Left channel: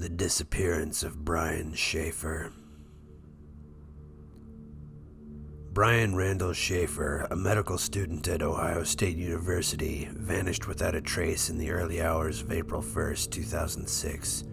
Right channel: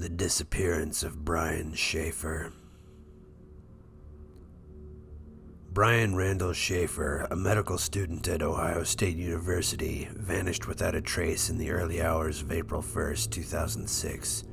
The disappearance of Brian Shaffer. Brian Randall Shaffer, a medical student at Ohio State University, vanished without a trace in the early hours of April 1st, 2006.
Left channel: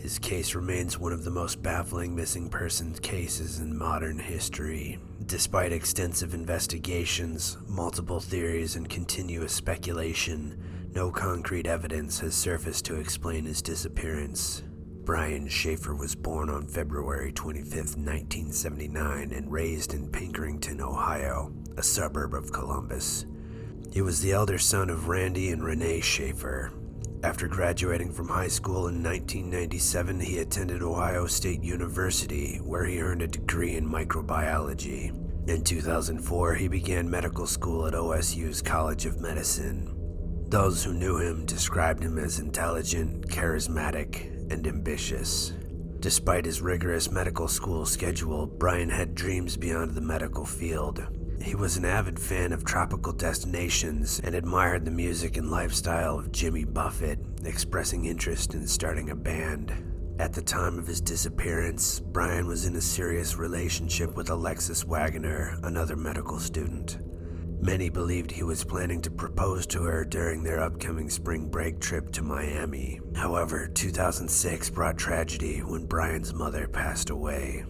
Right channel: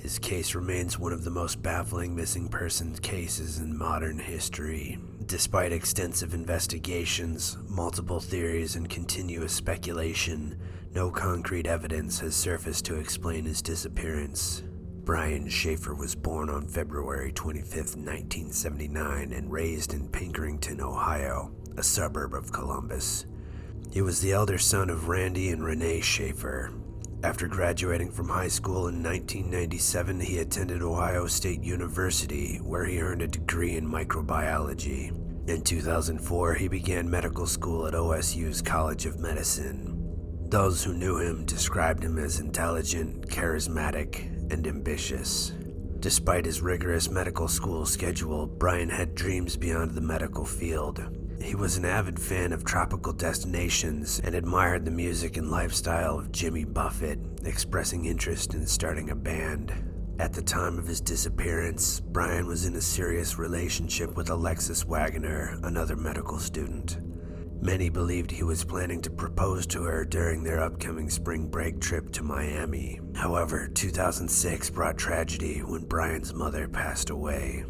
His case remains one of the most baffling missing persons cases in modern history. Despite extensive investigations, multiple theories, and continuous speculation, no concrete evidence has surfaced to explain his disappearance. Brian Shaffer was born on February 25, 1979, and raised in Pinkerton, Ohio, a suburb of Columbus. He was the elder son of Randy and Renee Shaffer. After graduating from high school in 1997, he attended Ohio State University, where he earned a degree in microbiology. In 2004, he began medical school at OSU's College of Medicine. Those who knew him described him as intelligent, charismatic, and ambitious. Despite his rigorous medical school schedule, Brian had dreams beyond the medical field. He was an avid fan of tropical destinations and admired the music and lifestyle of Jimmy Buffett, expressing interest in starting a band. At the time of his disappearance, Brian was in a serious relationship with Alexis Wagoner, another medical student. Many believed he was planning to propose to her during their upcoming spring break trip to Miami. However, 2006 brought tragedy when Brian's mother passed away.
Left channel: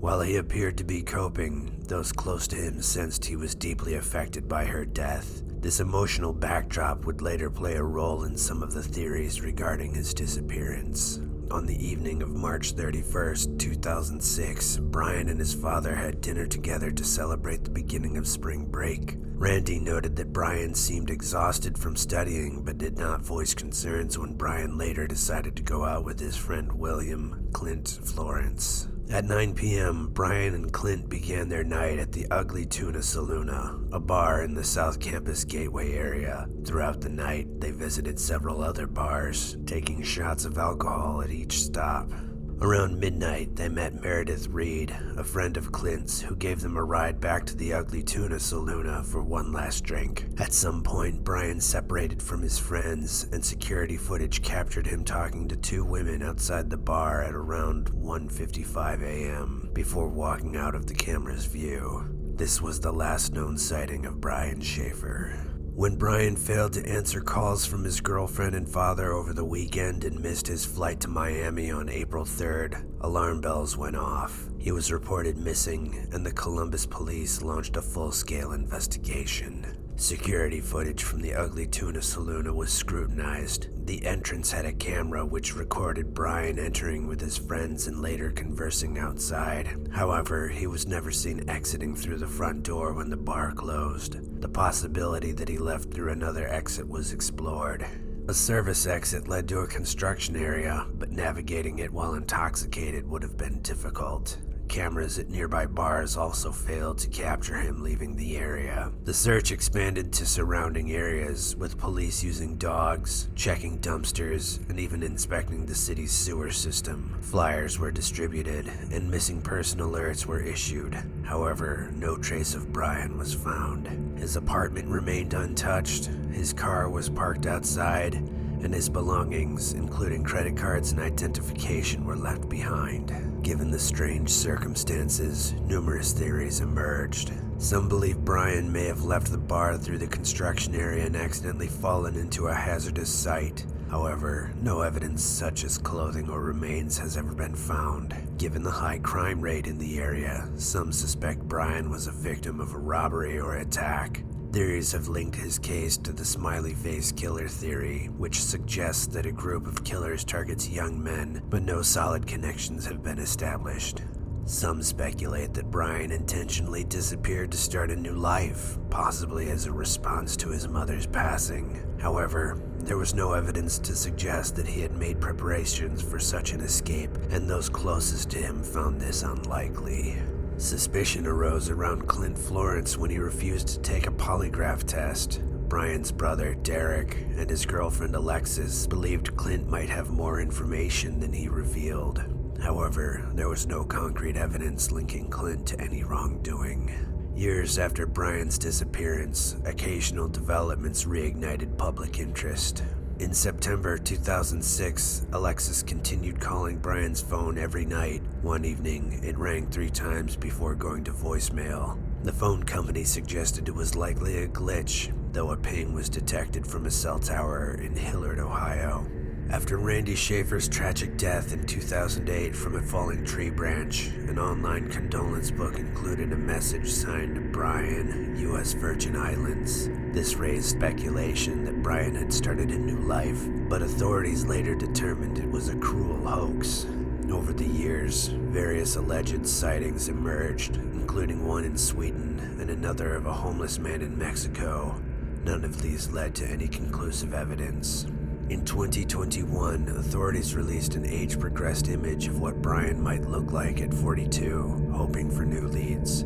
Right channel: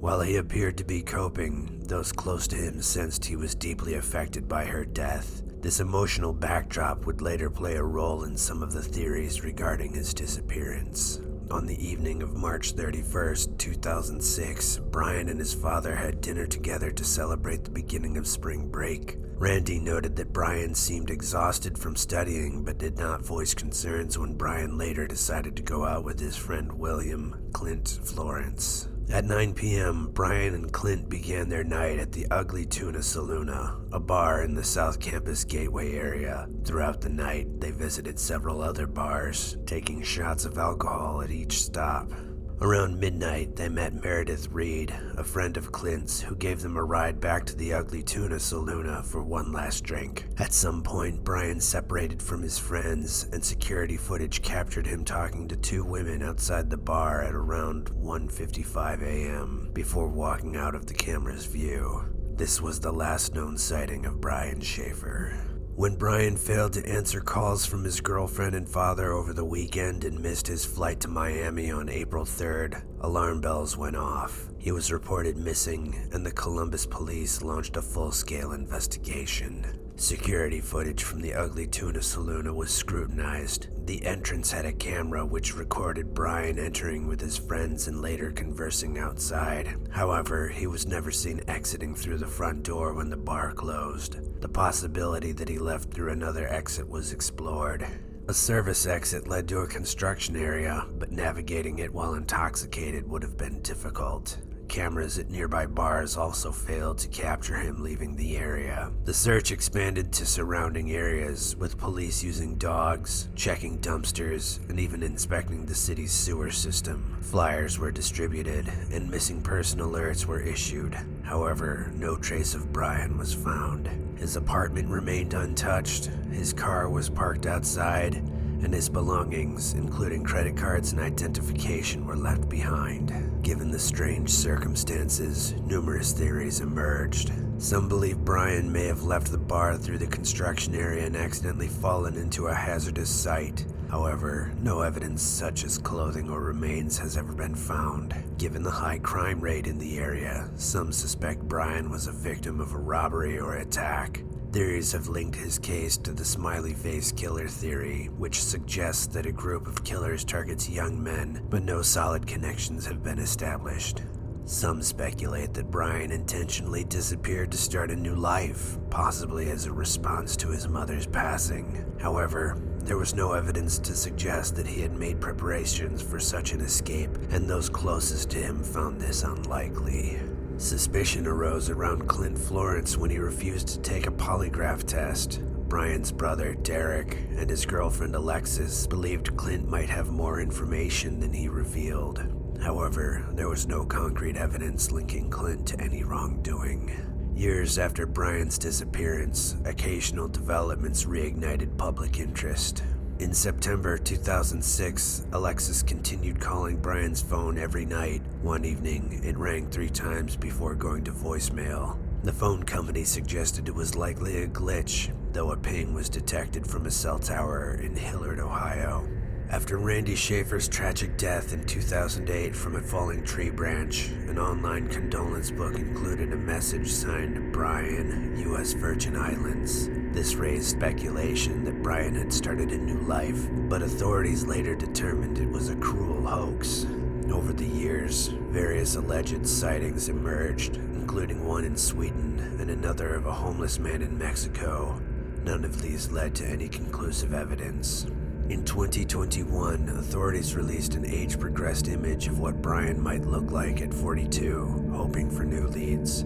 While he appeared to be coping, those close to him sensed he was deeply affected by her death. This emotional backdrop would later play a role in some of the theories regarding his disappearance. On the evening of March 31st, 2006, Brian and his father had dinner together to celebrate the beginning of spring break. Randy noted that Brian seemed exhausted from studying but did not voice concerns when Brian later decided to go out with his friend William Clint Florence. At 9 p.m., Brian and Clint began their night at the Ugly Tuna Saloona, a bar in the South Campus Gateway area. Throughout the night, they visited several other bars, taking shots of alcohol at each stop. Around midnight, they met Meredith Reed, a friend of Clint's, who gave them a ride back to the Ugly Tuna Saloona for one last drink. At some point, Brian separated from his friends, and security footage captured him talking to two women outside the bar at around 1:55 a.m. before walking out of the camera's view. This was the last known sighting of Brian Shaffer. When Brian failed to answer calls from his girlfriend and father over the weekend and missed his flight to Miami on April 3rd, alarm bells went off. He was reported missing, and the Columbus police launched a full-scale investigation. Security footage from the Ugly Tuna Saloona was scrutinized. The entrance had a camera which recorded Brian entering with his friends and later conversing outside. However, he was never seen exiting through the front door when the bar closed. The possibility that he left through another exit was explored. A service exit led to a construction area, but navigating it while intoxicated would have been difficult. Cameras at nearby bars also failed to capture him leaving the area. The search expanded to surrounding areas, with police using dogs, checking dumpsters, and even inspecting the city's sewer system. Flyers were distributed, and missing person alerts were issued. However, no trace of Brian was found. His apartment remained untouched, his car was parked outside, and his belongings, including credit cards and identification, were left behind. Given the strange circumstances, numerous theories emerged. Some believe Brian may have left the bar through the construction area and accidentally fallen into a hazardous site. However, no evidence such as clothing or remains has ever been found. Given the high crime rate in the area, some suspect Brian was a victim of a robbery or attack. Theories have linked his case to the smiley face killer theory, which suggests that a group of killers targets young men, but no solid connections have been established. Some speculate that Brian intentionally disappeared to start a new life, possibly as a response to his mother's passing. However, there was no evidence to suggest that he had made preparations for such an escape, and those closest to him found this unlikely. Suspicion arose around Clint Florence when he refused to take a polygraph test. Brian's brother, Derek, and his girlfriend, Alexis, believed Clint might have more information than he revealed. However, there was no concrete evidence linking Clint to any wrongdoing. Years after Brian's disappearance, occasional developments reignited public interest. In September 2006, Alexis continued calling Brian's phone every night. One evening, it rang 3 times before going to voicemail. The phone company suggested it was likely a glitch, though a ping was detected from a cell tower in Hilliard, Ohio. After Randy Shaffer's tragic death in 2008 from a falling tree branch, an online condolence book included a message signed Brian, U.S. Virgin Islands. This raised speculation that Brian had started a new life, but authorities later determined it was a cruel hoax. Over the years, various alleged sightings emerged, including one in Sweden and another of a homeless man in Mexico. None of these led to any conclusive evidence. In 2021, authorities released an age-progressed image of what Brian might look like at 42, hoping for new leads.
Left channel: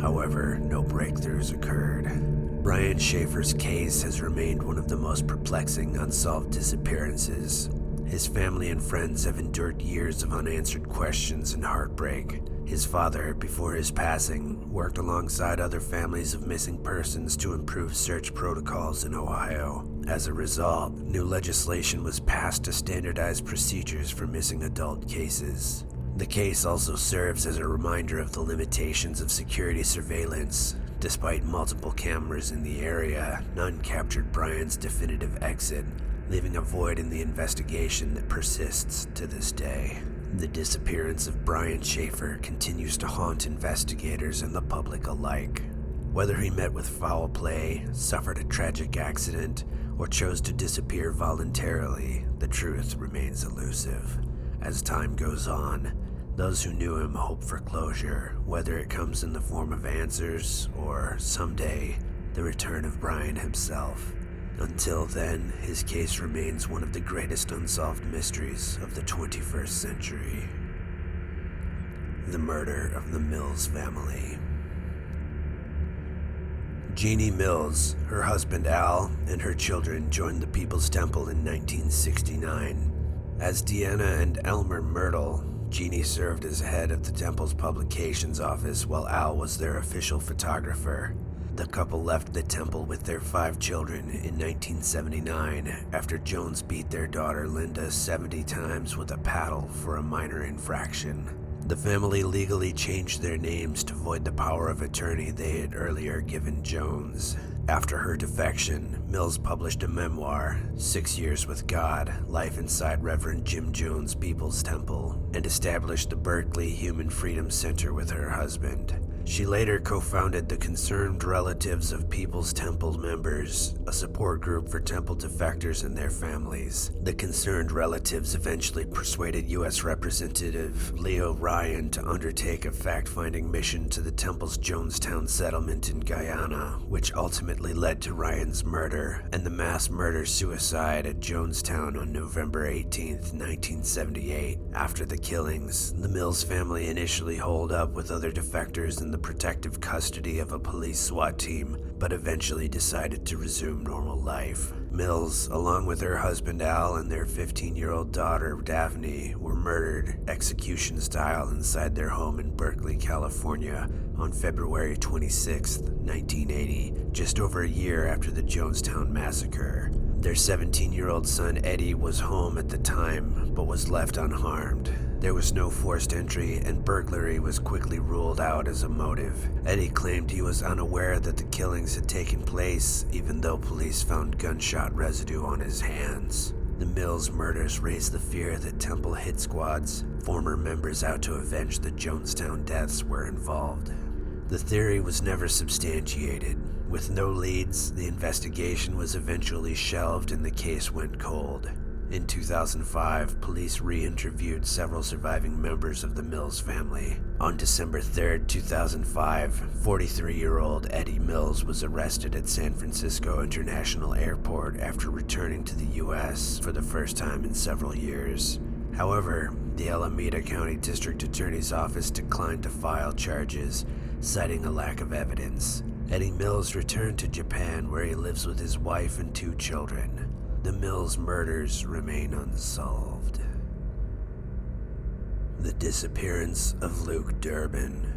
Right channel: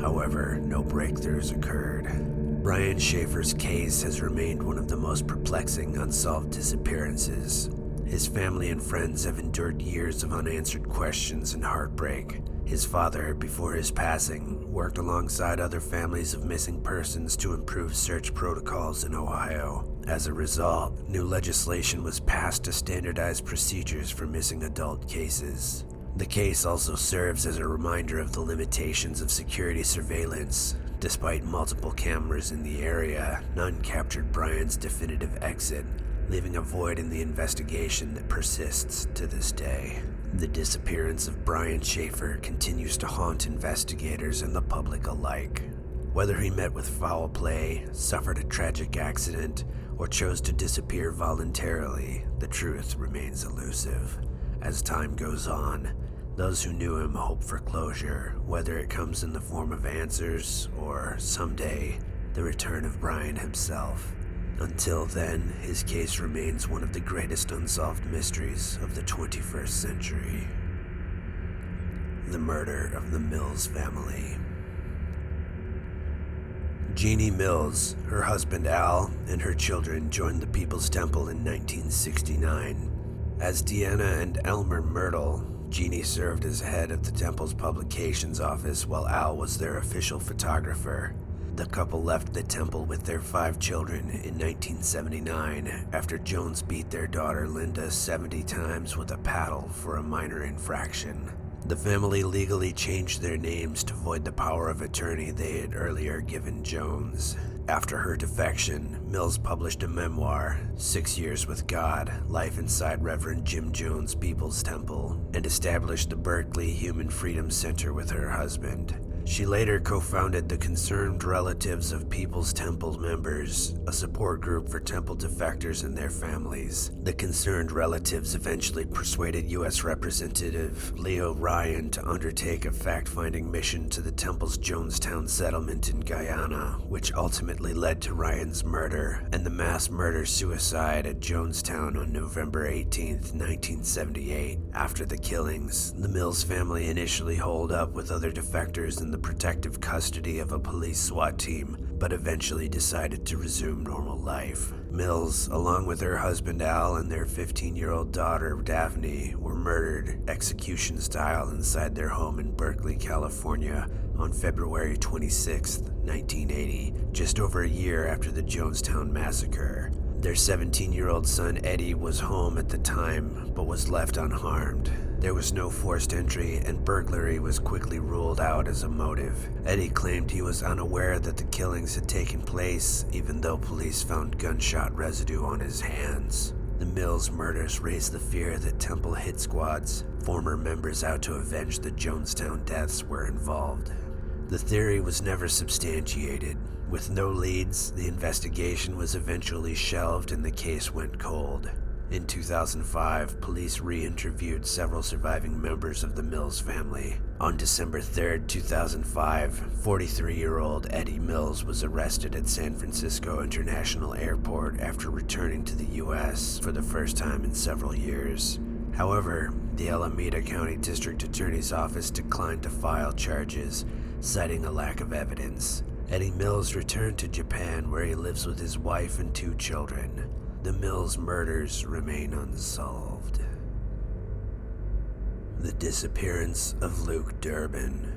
However, no breakthroughs occurred. Brian Shaffer's case has remained one of the most perplexing unsolved disappearances. His family and friends have endured years of unanswered questions and heartbreak. His father, before his passing, worked alongside other families of missing persons to improve search protocols in Ohio. As a result, new legislation was passed to standardize procedures for missing adult cases. The case also serves as a reminder of the limitations of security surveillance. Despite multiple cameras in the area, none captured Brian's definitive exit, leaving a void in the investigation that persists to this day. The disappearance of Brian Shaffer continues to haunt investigators and the public alike. Whether he met with foul play, suffered a tragic accident, or chose to disappear voluntarily, the truth remains elusive. As time goes on, those who knew him hope for closure, whether it comes in the form of answers or, someday, the return of Brian himself. Until then, his case remains one of the greatest unsolved mysteries of the 21st century. The murder of the Mills family. Jeannie Mills, her husband Al, and her children joined the People's Temple in 1969. As Deanna and Elmer Myrtle, Jeannie served as head of the temple's publications office while Al was their official photographer. The couple left the temple with their 5 children in 1979 after Jones beat their daughter Linda 70 times with a paddle for a minor infraction. The family legally changed their names to void the power of attorney they had earlier given Jones. After her defection, Mills published a memoir, 6 Years with God, Life Inside Reverend Jim Jones' People's Temple, and established the Berkeley Human Freedom Center with her husband. She later co-founded the Concerned Relatives of People's Temple Members, a support group for temple defectors and their families. The Concerned Relatives eventually persuaded U.S. Representative Leo Ryan to undertake a fact-finding mission to the temple's Jonestown settlement in Guyana, which ultimately led to Ryan's murder and the mass murder-suicide at Jonestown on November 18, 1978. After the killings, the Mills family initially holed up with other defectors in the protective custody of a police SWAT team, but eventually decided to resume normal life. Mills, along with her husband Al and their 15-year-old daughter Daphne, were murdered execution-style inside their home in Berkeley, California on February 26, 1980, just over a year after the Jonestown massacre. Their 17-year-old son Eddie was home at the time, but was left unharmed. There was no forced entry, and burglary was quickly ruled out as a motive. Eddie claimed he was unaware that the killings had taken place, even though police found gunshot residue on his hands. The Mills murders raised the fear that temple hit squads, former members out to avenge the Jonestown deaths, were involved. The theory was never substantiated. With no leads, the investigation was eventually shelved and the case went cold. In 2005, police re-interviewed several surviving members of the Mills family. On December 3, 2005, 43-year-old Eddie Mills was arrested at San Francisco International Airport after returning to the U.S. for the first time in several years. However, the Alameda County District Attorney's Office declined to file charges, citing a lack of evidence. Eddie Mills returned to Japan, where he lives with his wife and 2 children. The Mills murders remain unsolved. The disappearance of Luke Durbin.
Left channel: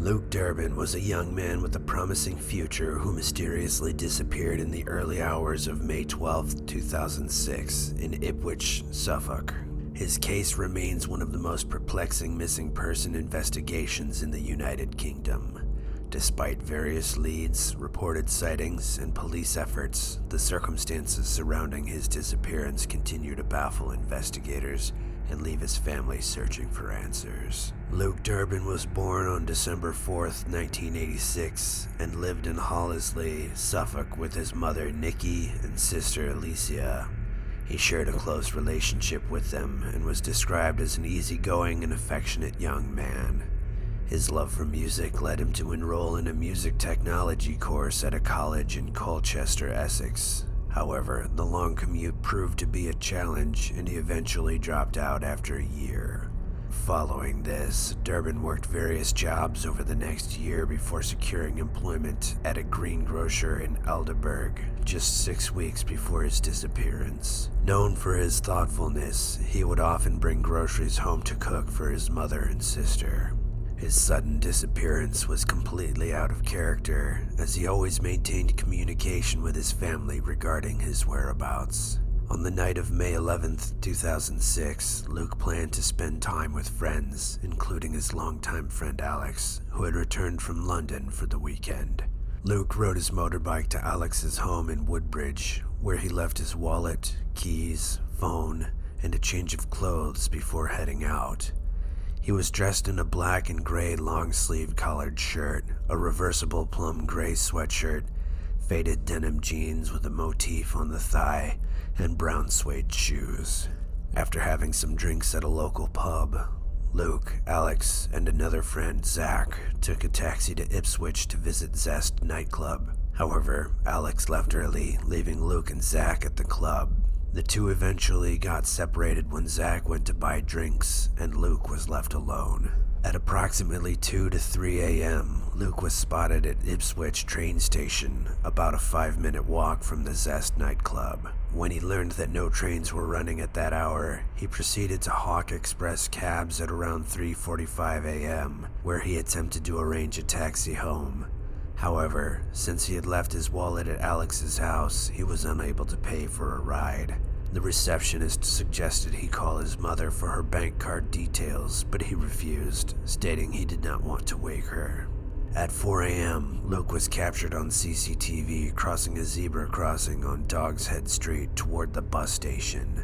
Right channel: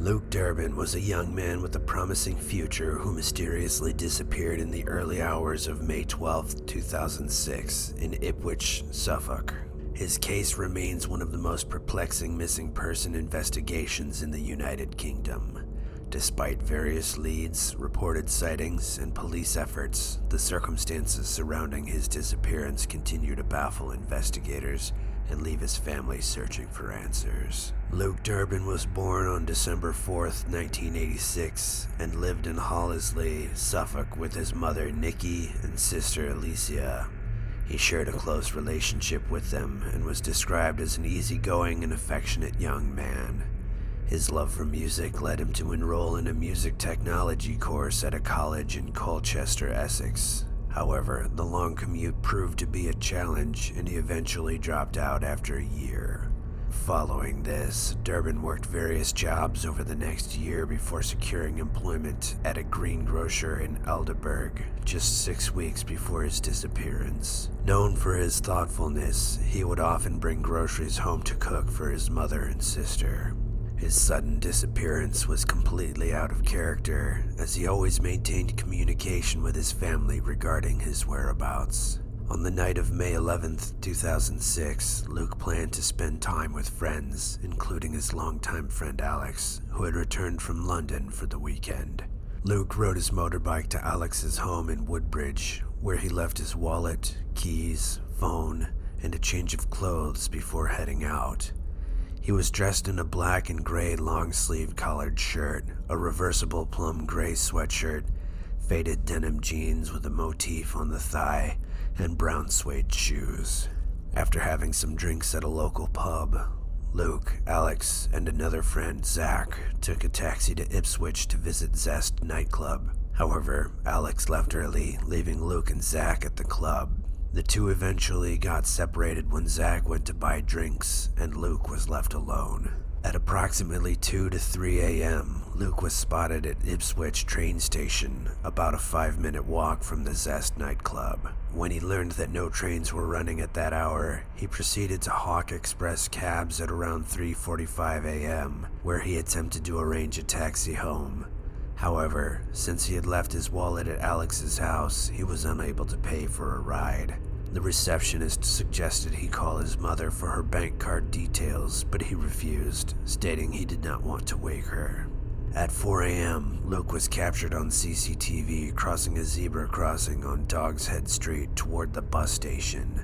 Luke Durbin was a young man with a promising future who mysteriously disappeared in the early hours of May 12, 2006, in Ipswich, Suffolk. His case remains one of the most perplexing missing person investigations in the United Kingdom. Despite various leads, reported sightings, and police efforts, the circumstances surrounding his disappearance continue to baffle investigators and leave his family searching for answers. Luke Durbin was born on December 4th, 1986, and lived in Hollesley, Suffolk with his mother Nikki and sister Alicia. He shared a close relationship with them and was described as an easygoing and affectionate young man. His love for music led him to enroll in a music technology course at a college in Colchester, Essex. However, the long commute proved to be a challenge, and he eventually dropped out after a year. Following this, Durbin worked various jobs over the next year before securing employment at a greengrocer in Aldeburgh, just 6 weeks before his disappearance. Known for his thoughtfulness, he would often bring groceries home to cook for his mother and sister. His sudden disappearance was completely out of character, as he always maintained communication with his family regarding his whereabouts. On the night of May 11th, 2006, Luke planned to spend time with friends, including his longtime friend Alex, who had returned from London for the weekend. Luke rode his motorbike to Alex's home in Woodbridge, where he left his wallet, keys, phone, and a change of clothes before heading out. He was dressed in a black and gray long-sleeved collared shirt, a reversible plum gray sweatshirt, faded denim jeans with a motif on the thigh, and brown suede shoes. After having some drinks at a local pub, Luke, Alex, and another friend, Zach, took a taxi to Ipswich to visit Zest nightclub. However, Alex left early, leaving Luke and Zach at the club. The two eventually got separated when Zach went to buy drinks, and Luke was left alone. At approximately 2 to 3 a.m., Luke was spotted at Ipswich train station, about a 5-minute walk from the Zest nightclub. When he learned that no trains were running at that hour, he proceeded to hawk express cabs at around 3:45 a.m., where he attempted to arrange a taxi home. However, since he had left his wallet at Alex's house, he was unable to pay for a ride. The receptionist suggested he call his mother for her bank card details, but he refused, stating he did not want to wake her. At 4 a.m., Luke was captured on CCTV crossing a zebra crossing on Dog's Head Street toward the bus station.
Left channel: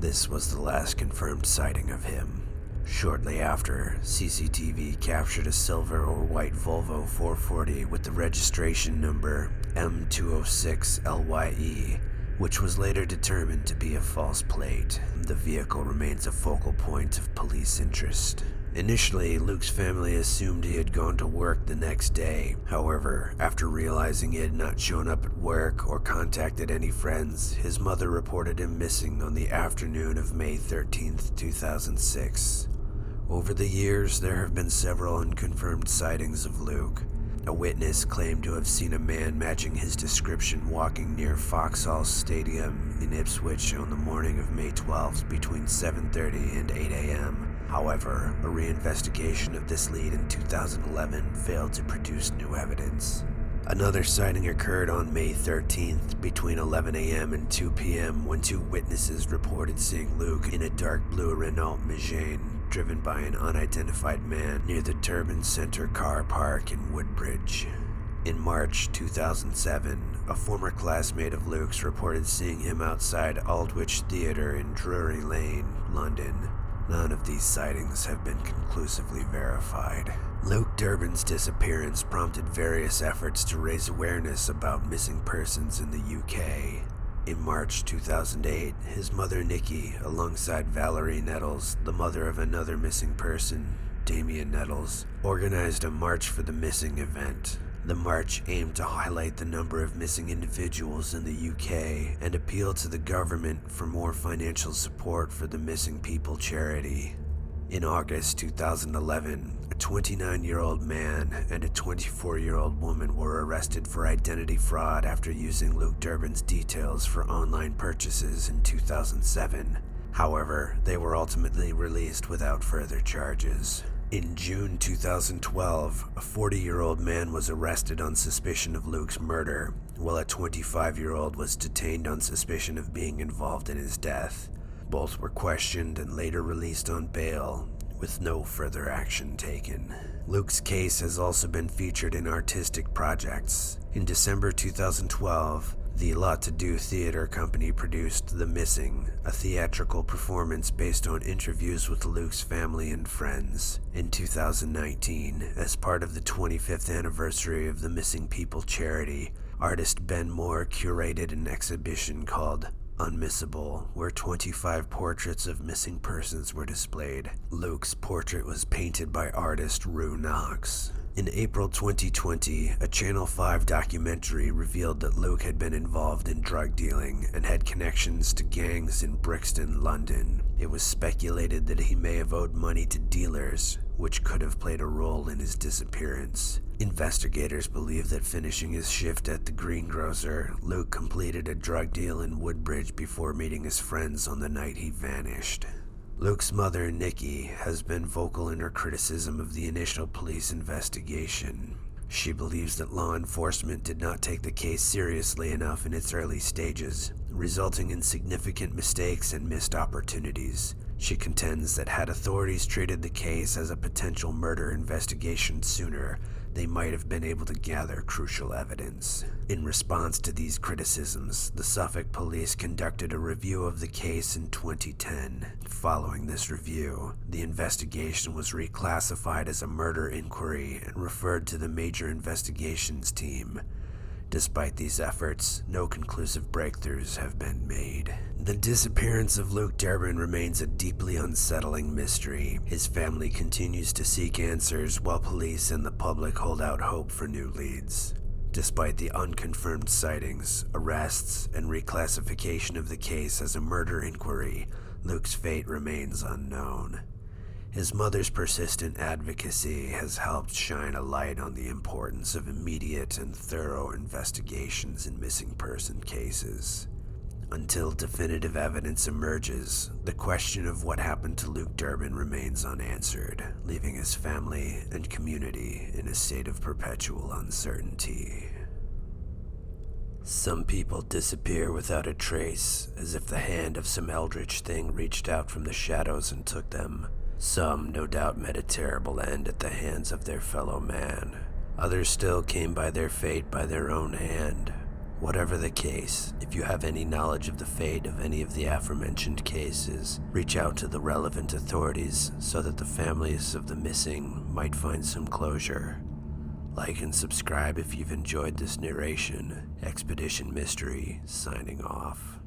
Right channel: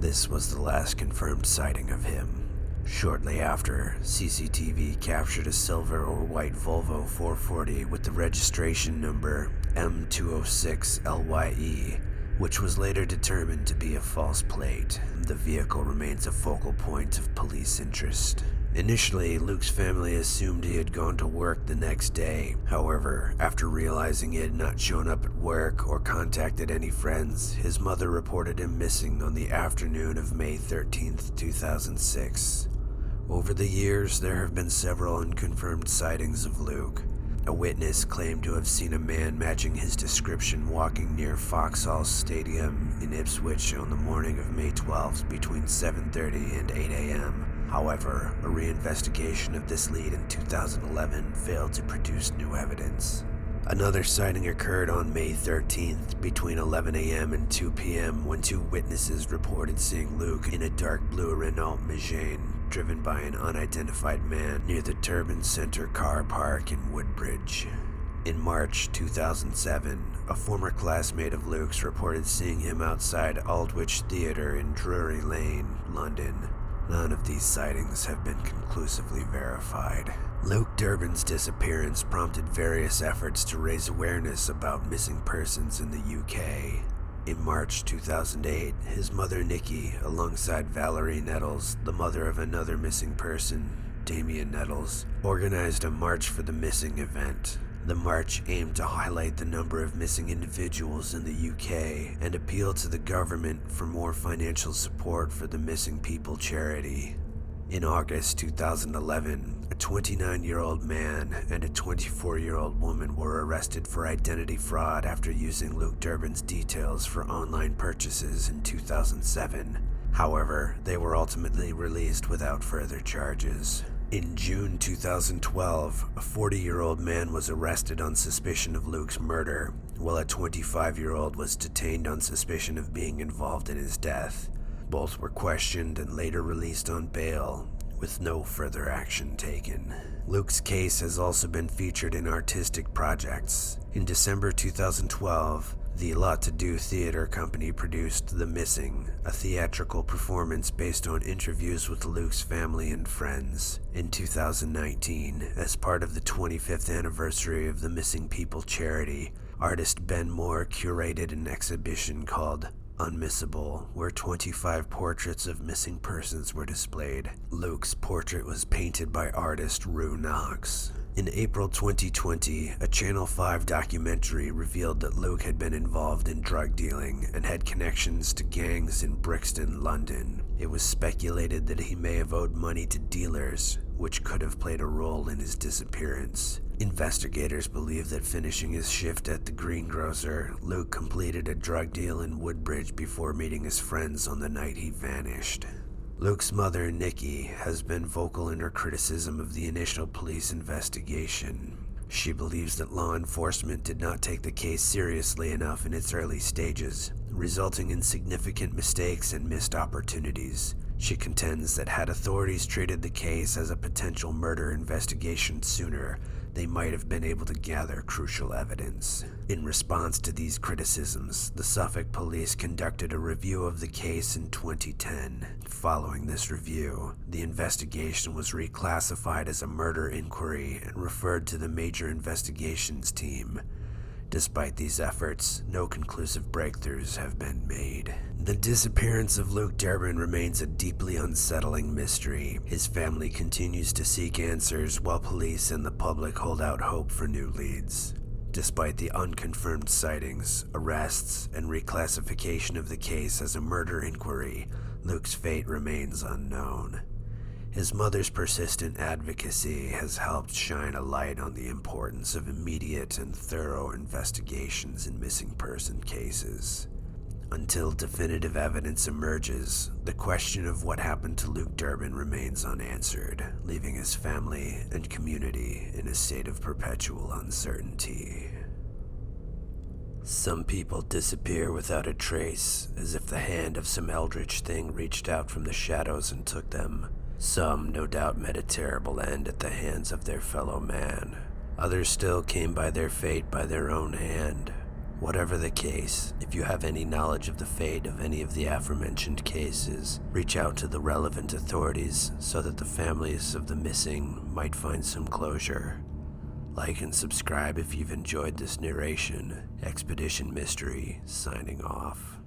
This was the last confirmed sighting of him. Shortly after, CCTV captured a silver or white Volvo 440 with the registration number M206LYE, which was later determined to be a false plate. The vehicle remains a focal point of police interest. Initially, Luke's family assumed he had gone to work the next day. However, after realizing he had not shown up at work or contacted any friends, his mother reported him missing on the afternoon of May 13th, 2006. Over the years, there have been several unconfirmed sightings of Luke. A witness claimed to have seen a man matching his description walking near Vauxhall Stadium in Ipswich on the morning of May 12th between 7:30 and 8 a.m. However, a reinvestigation of this lead in 2011 failed to produce new evidence. Another sighting occurred on May 13th between 11 a.m. and 2 p.m. when two witnesses reported seeing Luke in a dark blue Renault Megane driven by an unidentified man near the Durbin Center car park in Woodbridge. In March 2007, a former classmate of Luke's reported seeing him outside Aldwych Theatre in Drury Lane, London. None of these sightings have been conclusively verified. Luke Durbin's disappearance prompted various efforts to raise awareness about missing persons in the UK. In March 2008, his mother Nikki, alongside Valerie Nettles, the mother of another missing person, Damien Nettles, organized a March for the Missing event. The march aimed to highlight the number of missing individuals in the UK and appeal to the government for more financial support for the Missing People charity. In August 2011, a 29-year-old man and a 24-year-old woman were arrested for identity fraud after using Luke Durbin's details for online purchases in 2007. However, they were ultimately released without further charges. In June 2012, a 40-year-old man was arrested on suspicion of Luke's murder, while a 25-year-old was detained on suspicion of being involved in his death. Both were questioned and later released on bail, with no further action taken. Luke's case has also been featured in artistic projects. In December 2012, the Lot to Do Theater Company produced The Missing, a theatrical performance based on interviews with Luke's family and friends. In 2019, as part of the 25th anniversary of the Missing People charity, artist Ben Moore curated an exhibition called Unmissable, where 25 portraits of missing persons were displayed. Luke's portrait was painted by artist Rue Knox. In April 2020, a Channel 5 documentary revealed that Luke had been involved in drug dealing and had connections to gangs in Brixton, London. It was speculated that he may have owed money to dealers, which could have played a role in his disappearance. Investigators believe that finishing his shift at the greengrocer, Luke completed a drug deal in Woodbridge before meeting his friends on the night he vanished. Luke's mother, Nikki, has been vocal in her criticism of the initial police investigation. She believes that law enforcement did not take the case seriously enough in its early stages, resulting in significant mistakes and missed opportunities. She contends that had authorities treated the case as a potential murder investigation sooner, they might have been able to gather crucial evidence. In response to these criticisms, the Suffolk Police conducted a review of the case in 2010. Following this review, the investigation was reclassified as a murder inquiry and referred to the Major Investigations Team. Despite these efforts, no conclusive breakthroughs have been made. The disappearance of Luke Durbin remains a deeply unsettling mystery. His family continues to seek answers while police and the public hold out hope for new leads. Despite the unconfirmed sightings, arrests, and reclassification of the case as a murder inquiry, Luke's fate remains unknown. His mother's persistent advocacy has helped shine a light on the importance of immediate and thorough investigations in missing person cases. Until definitive evidence emerges, the question of what happened to Luke Durbin remains unanswered, leaving his family and community in a state of perpetual uncertainty. Some people disappear without a trace, as if the hand of some eldritch thing reached out from the shadows and took them. Some, no doubt, met a terrible end at the hands of their fellow man. Others still came by their fate by their own hand. Whatever the case, if you have any knowledge of the fate of any of the aforementioned cases, reach out to the relevant authorities so that the families of the missing might find some closure. Like and subscribe if you've enjoyed this narration. Expedition Mystery, signing off.